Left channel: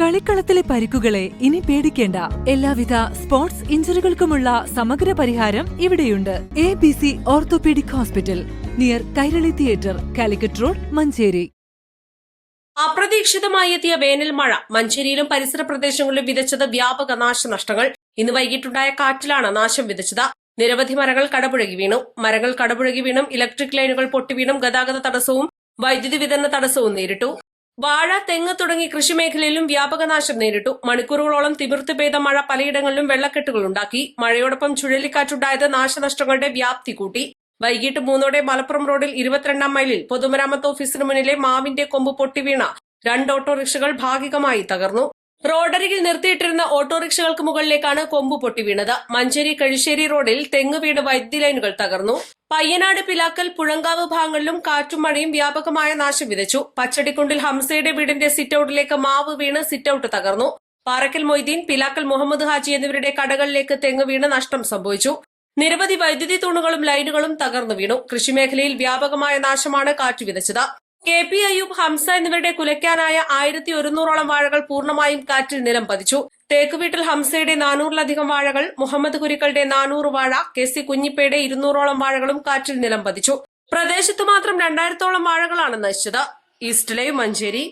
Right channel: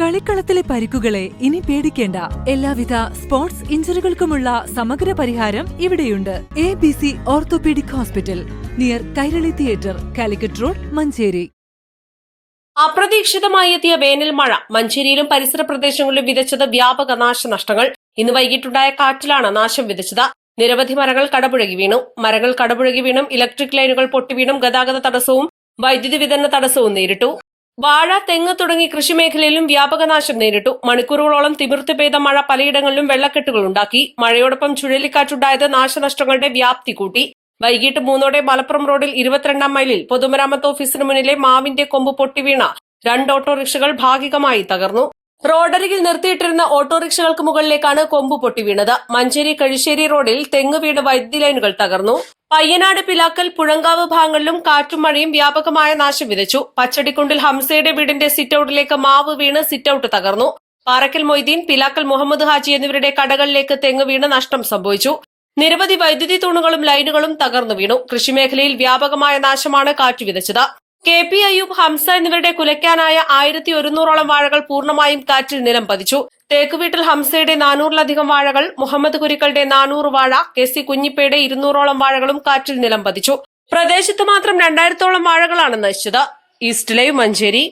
കളിക്കളത്തിലെ പരിക്കുകളെ ഇനി പേടിക്കേണ്ട. എല്ലാവിധ സ്പോർട്സ് ഇഞ്ചുറികൾക്കുമുള്ള സമഗ്ര പരിഹാരം ഇവിടെയുണ്ട്. ABC orthopaedic hospital, near Kairali theatre, Calicut road, Manjeri. അപ്രതീക്ഷിതമായി എത്തിയ വേനൽ മഴ മഞ്ചേരിയിലും പരിസര പ്രദേശങ്ങളിലും വിതച്ചത് വ്യാപക നാശനഷ്ടങ്ങൾ. ഇന്ന് വൈകിട്ടുണ്ടായ കാറ്റിലാണ് നാശം വിതച്ചത്. നിരവധി മരങ്ങൾ കടപുഴകി വീണു. മരങ്ങൾ കടപുഴകി വീണും ഇലക്ട്രിക് ലൈനുകൾ പൊട്ടിവീണും ഗതാഗത തടസ്സവും വൈദ്യുതി വിതരണ തടസ്സവും നേരിട്ടു. വാഴ, തെങ്ങ് തുടങ്ങി കൃഷിമേഖലയിലും വ്യാപക നാശം നേരിട്ടു. മണിക്കൂറുകളോളം തിമിർത്ത് പെയ്ത മഴ പലയിടങ്ങളിലും വെള്ളക്കെട്ടുകളുണ്ടാക്കി. മഴയോടൊപ്പം ചുഴലിക്കാറ്റുണ്ടായത് നാശനഷ്ടങ്ങളുടെ വ്യാപ്തി കൂട്ടി. വൈകിട്ട് 3 മലപ്പുറം റോഡിൽ 22 മൈലിൽ പൊതുമരാമത്ത് ഓഫീസിന് മുന്നിലെ മാവിന്റെ കൊമ്പ് പൊട്ടിവീണ 2 ഓട്ടോറിക്ഷകൾ ഭാഗികമായി തകർന്നു. റോഡരികിൽ നിർത്തിയിട്ടിരുന്ന ഓട്ടോറിക്ഷകൾക്ക് മുകളിലേക്കാണ് കൊമ്പ് പൊട്ടിവീണത്. മഞ്ചേരി കഴിശ്ശേരി റോഡിൽ തെങ്ങ് വീണ് വൈദ്യുതി ലൈനുകൾ തകർന്നു. പയ്യനാട്, പിലാക്കൽ, പുഴങ്കാവ് ഭാഗങ്ങളിലും കാറ്റും മഴയും വ്യാപകമായ നാശം വിതച്ചു. പച്ചടിക്കുണ്ടിൽ ഹംസയുടെ വീടിന്റെ സിറ്റൌട്ടിലേക്ക് മാവ് വീണ് സിറ്റൌട്ട് തകർന്നു. പാറക്കൽ മൊയ്തീൻ, പിലാക്കൽ മുഹമ്മദ് ഹാജി എന്നിവരുടെ കടകളിലേക്ക് തെങ്ങ് വീണ് നഷ്ടം സംഭവിച്ചു. നിരവധി വൈദ്യുതി തൂണുകളും ലൈനുകളും തകർന്നു വീണു. കൃഷിമേഖലയിൽ വ്യാപകമായ നാശമാണ് കാറ്റ് വിതച്ചത്. KP അയ്യൂബ്, ഹംസ എന്നിവരുടെ കുലയ്ക്കാനായ 1100ഓളം വാഴകൾ പൂർണ്ണമായും കാറ്റിൽ നിലം പതിച്ചു. തേക്കുവീട്ടിൽ ഹംസയുടെ 400ലധികം വാഴകൾ, മുഹമ്മദ് കുരിക്കളുടെ 400 വാഴ, KC കുഞ്ഞിപ്പയുടെ 200ഓളം വാഴകളും കാറ്റിൽ നിലം പതിച്ചു. പ്രദേശത്ത് മാത്രം 2000ഓളം വാഴകളാണ് നശിച്ചത്. East live, Manjeri.